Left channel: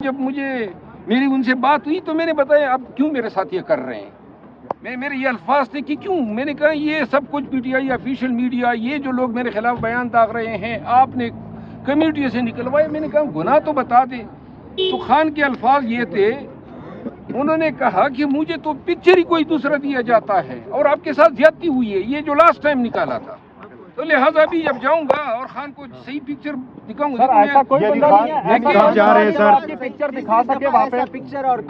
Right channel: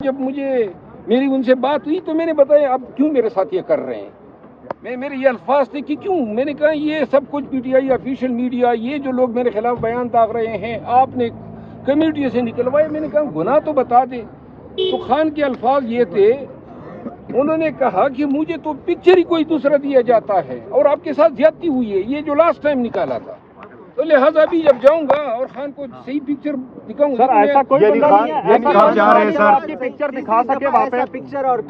جب میری ان سے بات ہوئی تو میں نے بتایا اب کیوں میرے ساتھ یہ کر رہے ہیں. میرے یہ الفاظ تھے کہ کیوں. میں نے کہا یہ سب کچھ P T I official media یہ جو لوگ میرے خلاف بیان داغ رہے ہیں آپ نے کمیٹی سے نکلوائے. میں نے کہا گناہ تو بتا دے. تو خان کے الفاظ یہ تھے, انہوں نے کہا کہ مجھے تو پکچر ہی کوئی دوسرا دیا جاتا ہے اور آپ کے ساتھ زیادتی ہوئی ہے, یہ جو لاسٹ ٹائم نکالا تھا. تو لہٰذا بھی جب جاؤں گا اور خان کو صحیح پکچر دکھاؤں گا. ایسا کوئی پکچر دکھا سکے وہاں پہ؟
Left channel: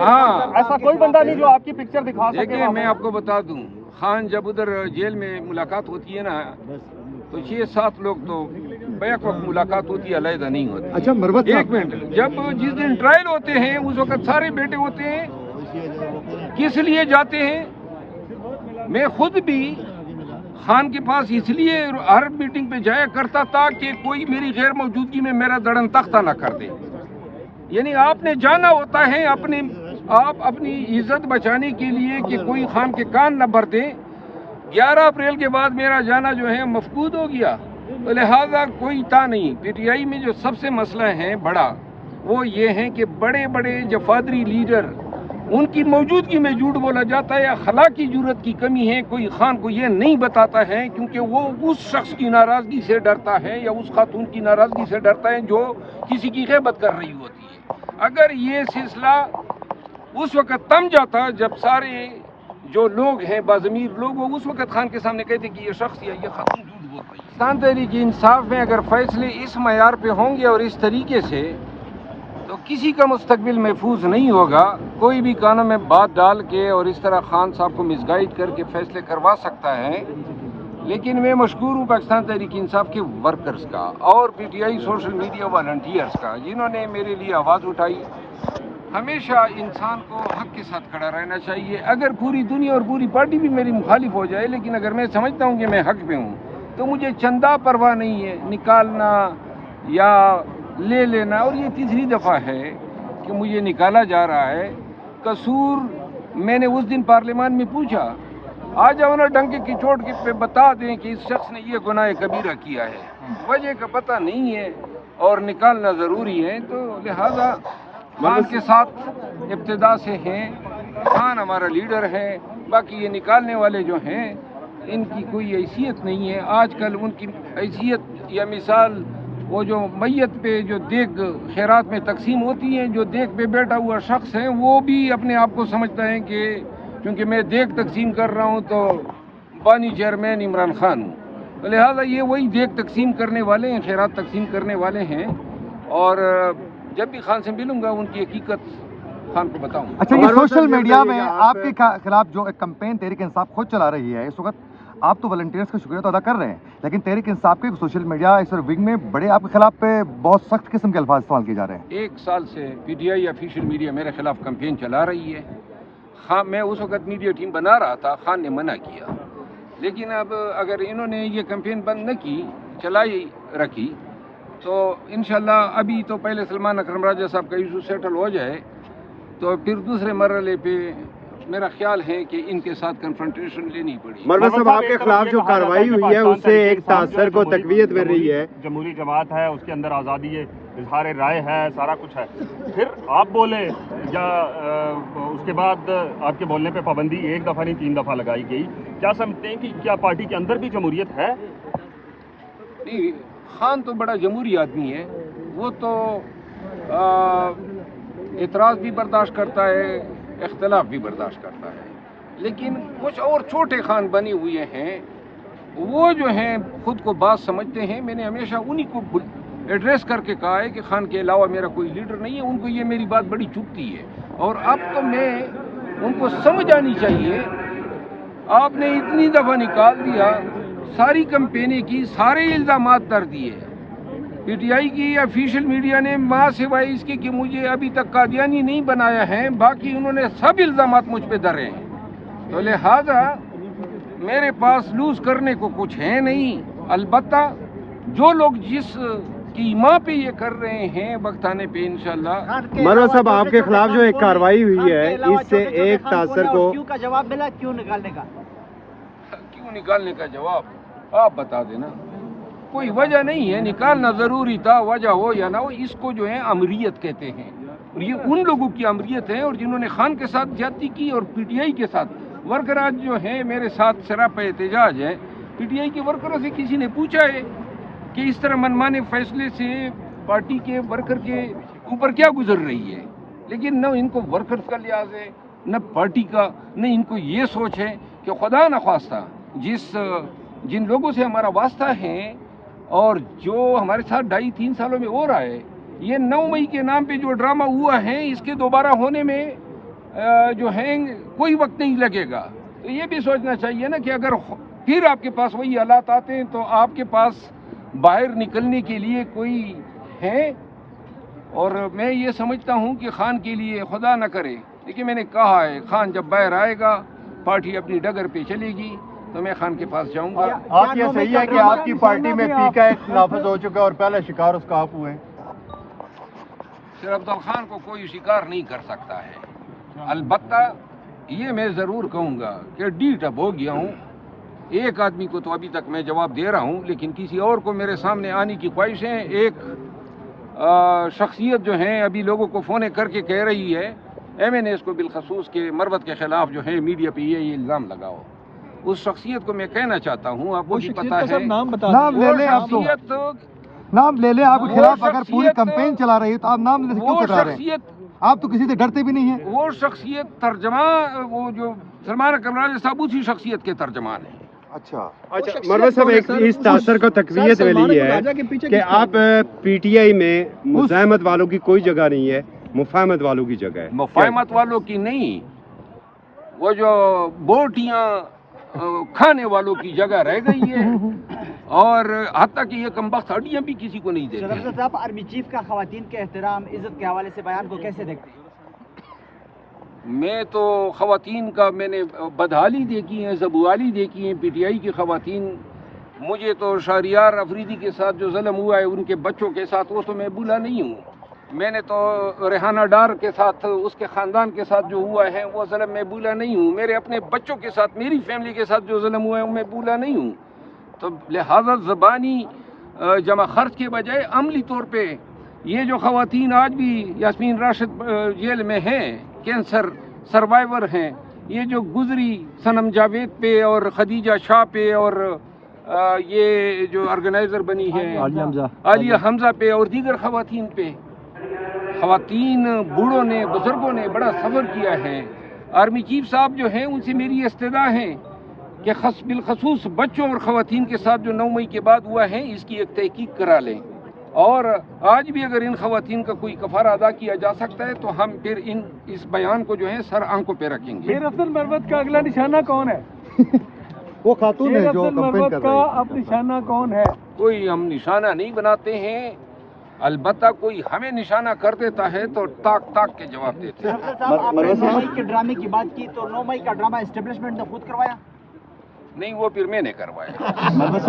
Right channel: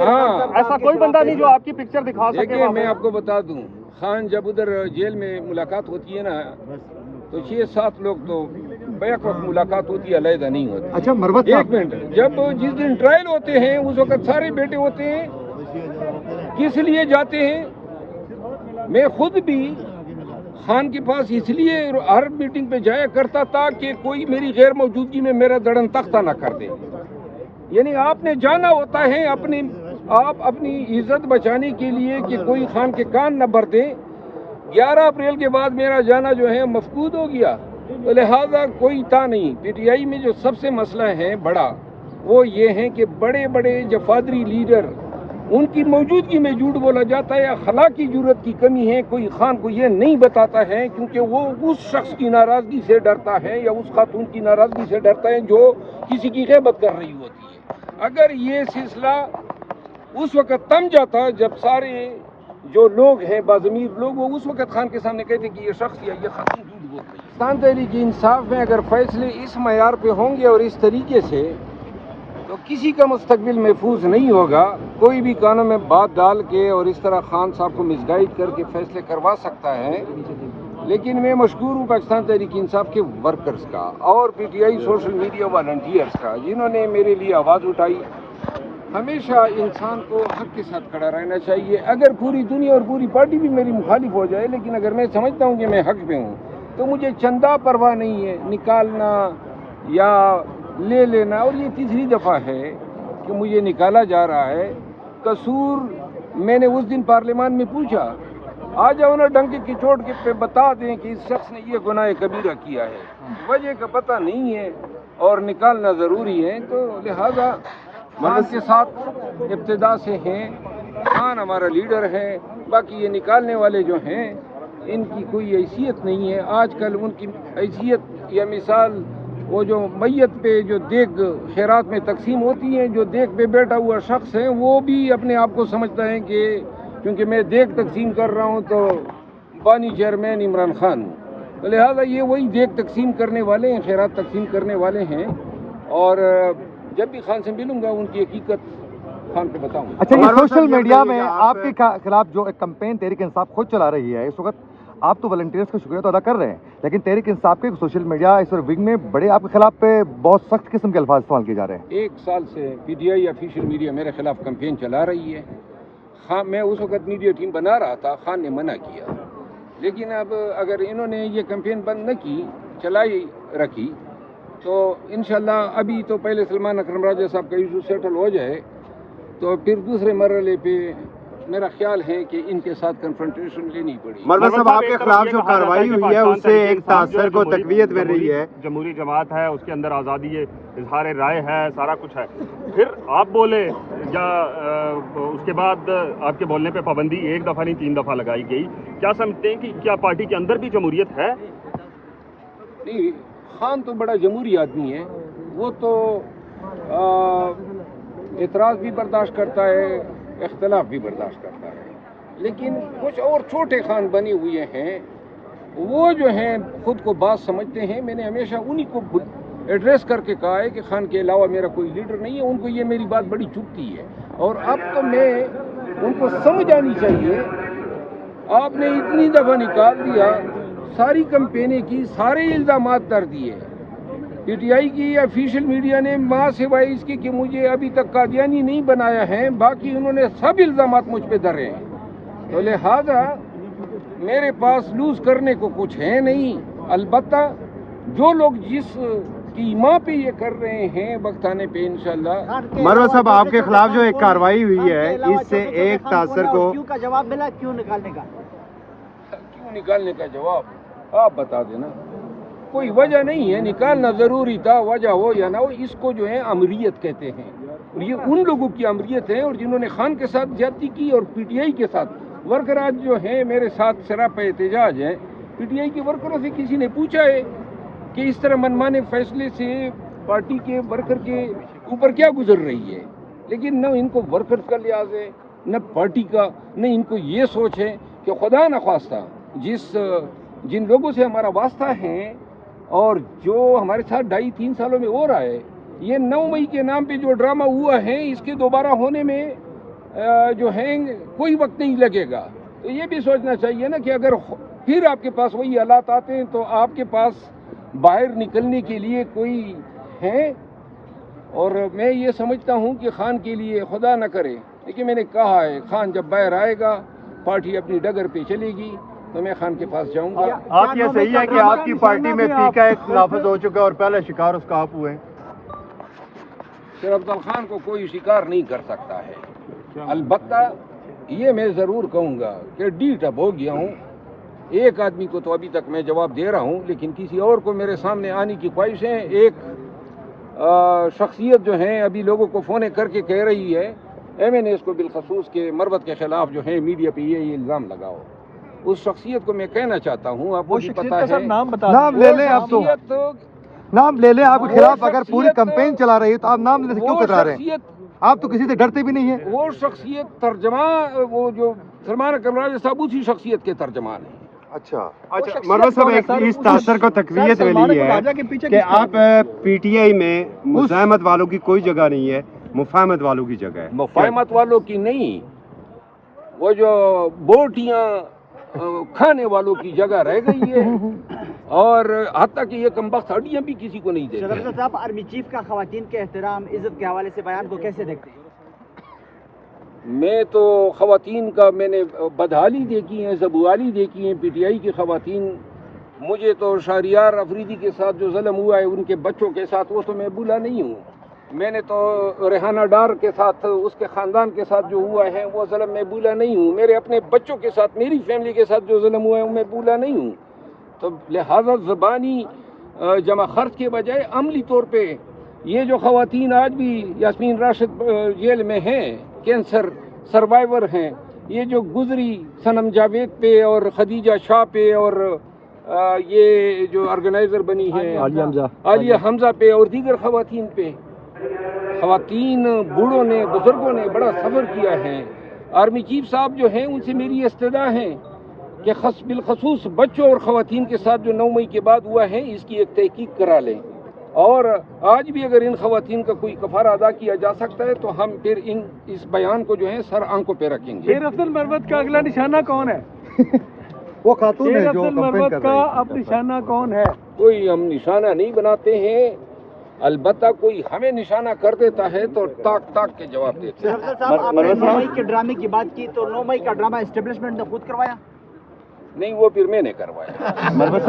ہاں, ایسا کوئی بندہ نہیں جو آپ کی پکچر دکھا سکے. دیکھیں میں آپ کو بتا دوں, خان جب ادھر جیل میں ملاقات ہوتی ہے نا تو 6-7 لوگ تو بیک وقت ملاقات ہوتی ہے, علیحدہ نہیں ہوتی. اچھا مروت ایک منٹ, جب جس دن ٹرائل ہوتے ہیں اس وقت سارے بیٹے ہوتے ہیں. کس لیے جاتے ہیں؟ میں خود بھی خان کے پاس اس لیے ہر میٹنگ پہ جایا کرتا تھا کہ کوئی میری غیر موجودگی میں میرا دڑن تختہ نہ کر دے. یعنی آپ نے جانا ہوتا ہے آپ اپنی عزت بچانے کے لیے کہ کوئی خان کے کان نہ بھر دے. 11 اپریل کے بعد میرا جانا جو ہے مفقود ہو گیا, تو لہٰذا کوئی تھا نہیں. پی ٹی آئی میں جو سب سے مسئلہ ہے بڑا وہ یہ ہے کہ بڑے بڑے جفادری لیڈر ان کی موجودگی میں جھوٹ بولا جاتا ہے. اخلاقی جرت کی کمی ہے, کوئی خان کو یہ نہیں بتاتا ہے کیونکہ وہ اس شخص کی ناراضگی سے ڈرتا ہے یا اس خاتون کی ناراضگی سے ڈرتا ہے جو کسی کی غیبت کر رہی ہوتی ہے. اگر یہ سلسلہ اس وقت تم جاتا جب سارے جو لوگ ہیں باضمیر لوگ وہ اس وقت خان کے سامنے کہتے کہ یہ شخص یا یہ خاتون جھوٹ بول رہی ہے. پاکستان تحریک انصاف میں اگر فیصلے اس معیار پہ ہوں گے اور اس طریقے سے تو کسی کا مستقبل محفوظ نہیں ہوگا. کوئی بھی قانون میں بات ڈال کے اور اس طرح خان صاحب کو مس گائیڈ کر کے فیصلے کروا سکتا ہے. لیکن میں مشکور ہوں پاکستان تحریک انصاف کے ورکرز کا اور P T I social media volunteers کا جنہوں نے میرے لیے آواز اٹھائی. ہمیشہ انسان کو حق کے ساتھ کھڑا رہنا چاہیے. اگر پوری دنیا اور پوری پارٹی بھی میری مخالف ہو جائے لیکن اگر میں سمجھتا ہوں کہ میں حق پہ ہوں تو مجھے چندہ پرواہ نہیں ہے نکالنا یا لے لینا. اور یہ تیسری دفعہ ہے کہ مجھے نکالا جا رہا ہے. قصور میں نے اس دن پارلیمان میں پوچھا, آ جاؤ نا ڈنکے کی چوٹ کے پہ بتا دیں کہ اس شخص نے یہ گناہ کبیرہ کیا ہے. وجہ کا پتہ نہیں ہے اور نکالنا ضروری ہے. تو لہذا خان کے ساتھ ابتدا سے ہیں. خان ہمارا لیڈر ہے, باقی یہ نکالنے والے جو ہیں ان کی کوئی حیثیت نہیں ہے. آج کل ان کی حیثیت یا مثال وہ جو میت پہ جو دیگ خیرات میں تقسیم ہوتی ہیں, جو دیگ پہ بیٹھا ہوا شخص ہے وہ بھی اپنے آپ کو سمجھتا ہے کہ کیونکہ میں دیگ تقسیم کر رہا ہوں تو بانی چیئرمین عمران خان ہوں. تو لہٰذا یہ وہی دیگ تقسیم کرنے والے ہیں, خیرات تقسیم کرنے والے ہیں. اور جب بھی خان سے ملوں گا ان کی حقیقت خان کو بتاؤں گا. اچھا, یہ سوشل میڈیا میں آپ کے خلاف جو ایک کمپین تحریک انصاف خود چلا رہی ہے اس وقت, آپ تو والنٹیئرز کا شکریہ تو ادا کر رہے ہیں لیکن تحریک انصاف کے سوشل میڈیا اس ونگ میں بڑے آپ کے خلاف پہ بہت سخت قسم کے الفاظ استعمال کیے جا رہے ہیں. 1 سال سے P T I official media میرے خلاف کمپین چلا رہی ہے. خان میں اس وقت میڈیا ٹیم بنا رہا تھا, خان نے منع کیا. لیکن اب اگر انہوں نے یہ کمپین بند نہ کی, چلائی رکھی, تو انشاءاللہ ابھی تو پہلے سلمان اکرم راجہ صاحب کا ایشو سیٹل ہو جائے تو پھر دوسرے مرحلے پہ میرا خیال ہے کہ ان کے ساتھ کنفرنٹیشن لینی پڑی. مروت صاحب آپ کے خلاف جو کارروائی ہوئی ہے اس سے ایک تاثر کو تقویت مل رہی ہے. جمہوری جماعت ہے, اس کے اندر آزادی اظہار رائے ہے, سارا کچھ ہے, پھر آپ بولے یا اس کے بعد آپ کے بولنے پہ پابندی 1 دفعہ نہیں 3 دفعہ لگائی گئی. کیا سمجھتے ہیں کہ کیا پارٹی کے اندر بھی جمہوریت ہے؟ نہیں, خان تو بڑا جمہوری آدمی ہے. وہ تو اعتراض بھی برداشت کرتا ہے, اختلاف بھی برداشت کرتا ہے. لیکن کچھ اور چھوٹے خان بنے ہوئے ہیں, وہ جو ہیں خود کو بات سمجھتے ہیں. میں نے ہمیشہ انہی کو ایڈریس کر کے کہا ہے کہ خان کے علاوہ میرا کوئی لیڈر نہیں ہے. ان کو یہ میری بات بڑی چبھتی ہے اور اب تو میں ان کو سمجھ آنی چاہیے. آپ نے اتنی دفعہ نکال دیا, ساری کمپینیں کی, سارے الزامات در دیے. پی ٹی آئی کی آفیشیل میڈیا نے ماں سوائے اس کی کہ مجھے ابھی تک قادیانی نہیں بنایا ہے, باقی انہوں نے سب الزامات مجھ پہ دھرے ہیں. تو لہذا میرے پاس لوز کرنے کو کچھ ہے نہیں. البتہ جو لوگ جس کی ماں پہ یہ کر رہے ہیں وقت آنے پہ انشاءاللہ. مروت صاحب آپ کے خلاف جو ایک کارروائی ہوئی ہے اس سے ایک تاثر کو کیوں کا جواب ملا, کیوں نکالنے کا؟ کیوں نکالنے کا جواب آپ بتا دینا. کوئی وجہ نہیں ہے, نکالنا ضروری تھا, وجہ ہو یا نہ ہو. اس کو جو ہے امریت کہتے ہیں. اور یہ ان لوگوں کی امریت ہے اور جنہوں نے خان کے ساتھ زیادتی کی اور پی ٹی آئی کے ساتھ ورکر آج جو ہیں میرے ساتھ سراپا احتجاج ہے. پی ٹی آئی کے ورکروں سے کسی نے پوچھا ہے کہ اس طرح منمانے فیصلے سے پارٹی کے ورکر کے اوپر کیا گزر رہی ہے؟ لیکن نہ ان کو ورکرز کا لحاظ ہے نہ پارٹی کا، نہ ان کو یہ سوچ ہے کہ خدا نخواستہ جن لوگوں سے ہمارا واسطہ ہے اور جو ہمارے ساتھ 2.5-3 سالوں میں ہو رہا ہے، یہ 9 مئی کے نام پہ جو ڈرامہ ہوا ہے اس کے دوبارہ ہونے میں جو ہے کوئی وقت نہیں لگے گا. تو یہ بھی سوچنا چاہیے نا کہ اگر پھر آپ کے پاس وہی حالات آتے ہیں تو آپ کے پاس باہر نکلنے کے لیے کوئی ہے. اور میں یہ سمجھتا ہوں کہ خان کے لیے خدا نہ کرے، لیکن میں نے کہا ہے خان جب باہر آئے گا پارٹی اپنی ڈگر پہ چلے گی تو میں خان کے پاس جاؤں گا. آپ یہ صحیح ہے کہ آپ کی پارٹی میں پی کا ایک نافذ ہو چکا ہے اور پہلے شکار اس کا آپ ہوئے؟ شیر افضل خان کو کوئی شکار نہیں کر سکتا ہے. البتہ یہ میں ضرور کہوں گا کہ ڈیٹ اب ہو گیا ہوں. ایک آدمی کو تو ابھی تک میں جواب دے رہا ہوں، لیکن کسی اور کو میرے سامنے آنے کی خواہش ہے. ایک شخصیت جو ہیں ابھی لوگوں کو فون کر کے کہہ رہی ہے ایم این ایس کو بالخصوص کے مروت کے خلاف جو ہے میڈیا پہ یہ الزام لگاؤ. اس شخصیت کو میں کہنا چاہتا ہوں، آپ کو بھی پتا ہے، نام لے لیں آپ تو، نام لے لیں. آپ کے خلاف اگر پوری کمپین چلا رہی ہے تو آپ نام لینے سے کیوں کترا رہے ہیں؟ آپ تو کسی سے ڈرتے بھی نہیں ہیں. وہ شخصیت ترجمہ، وہ جو سلمان اکرم راجہ صاحب اسی شخصیت کے ترجمان ہیں. اچھا مروت صاحب اس تاثر کو تقویت ملی ہے کہ آپ پی ٹی آئی میں مزاحمت والوں کی کوئی جگہ نہیں ہے، مفاہمت والوں کی جگہ ہے. مفاہمت والوں کی نہیں، وہ جو بوٹیاں کھانے والوں کی جگہ رہ گئی ہے. اور حتیٰ کہ یہ کمبخت ہڈیاں بھی کسی کو نہیں دیتے. صاحب آرمی چیف کا خواتین کے احترام عزت کے حوالے سے بیان کو کیسے دیکھتے ہیں؟ میں تو خواتین کا میں نے بدحالی دیکھی ہیں، زبوالی دیکھی ہیں. پی ٹی آئی کی خواتین، مجھے تو شہریار افریدی کے ساتھ جو ظلم ہوا ہے ان کے بچوں کے ساتھ وہ تو میں بھولا نہیں ہوں. میں نے تو ریحانہ ڈار کے ساتھ، اس کے خاندان کے ساتھ جو ہوا ہے وہ ظلم میں بھولا نہیں ہوں. میرے اپنے بچوں کے ساتھ، میری فیملی کے ساتھ جو ظلم ہوا ہے وہ میں بھولا نہیں ہوں. تو لہذا زبانی جمع خرچ کے بجائے عملی طور پہ یہ جو خواتین آج بھی یاسمین راشد جیل میں ہیں، کینسر سروائیور ہیں، یہ جو گزری صنم جاوید پہ اور خدیجہ شاہ پہ اور یہ جو آرگنائزر بنی ہے عالیہ حمزہ پہ اور دیگر خواتین پہ، خواتین بوڑھوں نے، بزرگوں نے بڑا سفر کیا ہے. آرمی چیف صاحب جو ہیں ان سے میری استدعا ہے کہ بالخصوص بچوں اور خواتین کے ساتھ جو 9 مئی کے بعد ہوا ہے اس کی ایک تحقیق کرا لیں. اور آج بھی اگر ان خواتین کا کوئی کفارہ ادا کیا جا سکتا ہے تو ہم پھر اس بیان کو جو ہے سر آنکھوں پہ رکھیں گے. شیر افضل مروت کا اگلا نشانہ کون ہے؟ وہ خاتون ہے شیر جو افضل کمپین مروت کر کا رہی اب نشانہ کون ہے؟ کوئی ہم نشانہ نہیں بناتے ہیں، البتہ کوئی ہمیں نشانہ کر دیتا ہے تو تاک تاک کے جواب دیتے ہیں. مروت صاحب 9 مئی کے ڈرامے کی بات کی تو 9 مئی کا ڈرامہ اسٹیبلشمنٹ نے خود کروایا؟ نہیں، وہ پھر میں نے کروایا. مروت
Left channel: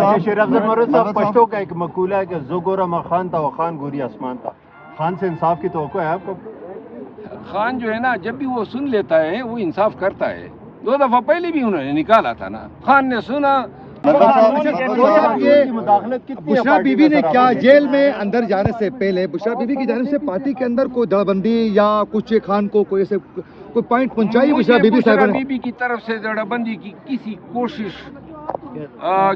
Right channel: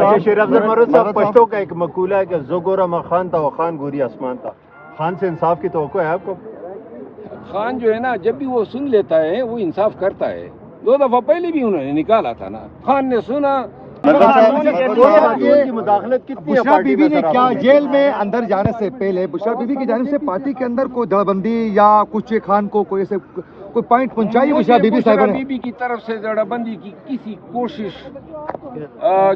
صاحب پشتوں کا ایک مقولہ ہے کہ زو گورا ما خان تھا وہ خان گوری آسمان تھا. خان سے انصاف کی توقع ہے آپ کو؟ خان جو ہے نا جب بھی وہ سن لیتا ہے وہ انصاف کرتا ہے. 2 دفعہ پہلے بھی انہوں نے نکالا تھا نا، خان نے سنا. مداخلت کتنی بشرا بی بی نے کیا جیل میں اندر جانے سے پہلے بشرا بی بی کی جانب سے پارٹی کے اندر کوئی دڑ بندی یا کچھ خان کو کوئی ایسے کوئی پوائنٹ پہنچائی بشرا بی بی بشرا صاحب نے؟ بی بی کی طرف سے جڑا بندی کی کسی کوشش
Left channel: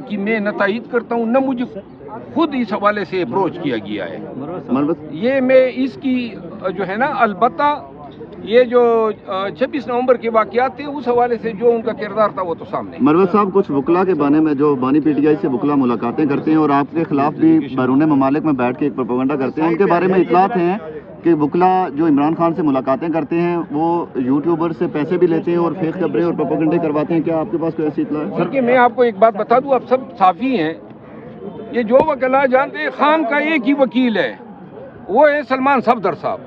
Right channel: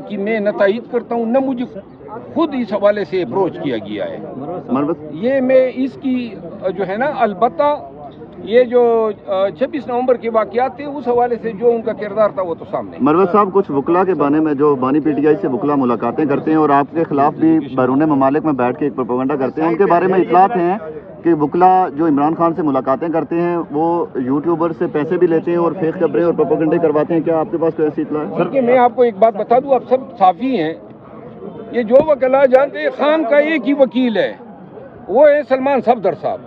کی میں نہ تائید کرتا ہوں، نہ مجھے خود اس حوالے سے اپروچ کیا گیا ہے. یہ میں اس کی جو ہے نا، البتہ یہ جو 26 نومبر کے واقعات تھے اس حوالے سے جو ان کا کردار تھا وہ تو سامنے. مروت صاحب، کچھ وکلا کے بارے میں جو بانی پی ٹی آئی سے وکلا ملاقاتیں کرتے ہیں اور آپ کے خلاف بھی بیرون ممالک میں بیٹھ کے ایک پروپیگنڈا کرتے ہیں، ان کے بارے میں اطلاعات ہیں کہ وکلا جو عمران خان سے ملاقاتیں کرتے ہیں وہ یوٹیوبر سے پیسے بھی لیتے ہیں اور فیک خبریں اور پروپیگنڈے کرواتے ہیں. کیا آپ کے پاس کوئی ایسی اطلاع ہے؟ دیکھیے، میں آپ کو ایک بات بتا دوں، آپ سب صحافی ہیں، یہ جو وکلا جانتے ہیں خان کا ایک ہی وکیل ہے، وہ ہے سلمان صفدر صاحب.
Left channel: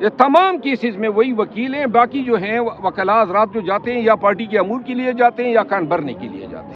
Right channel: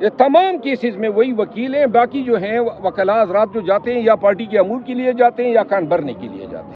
یہ تمام کیسز میں وہی وکیل ہیں. باقی جو ہیں وکلا حضرات جو جاتے ہیں یا پارٹی کے امور کے لیے جاتے ہیں یا کان بھرنے کے لیے جاتے ہیں.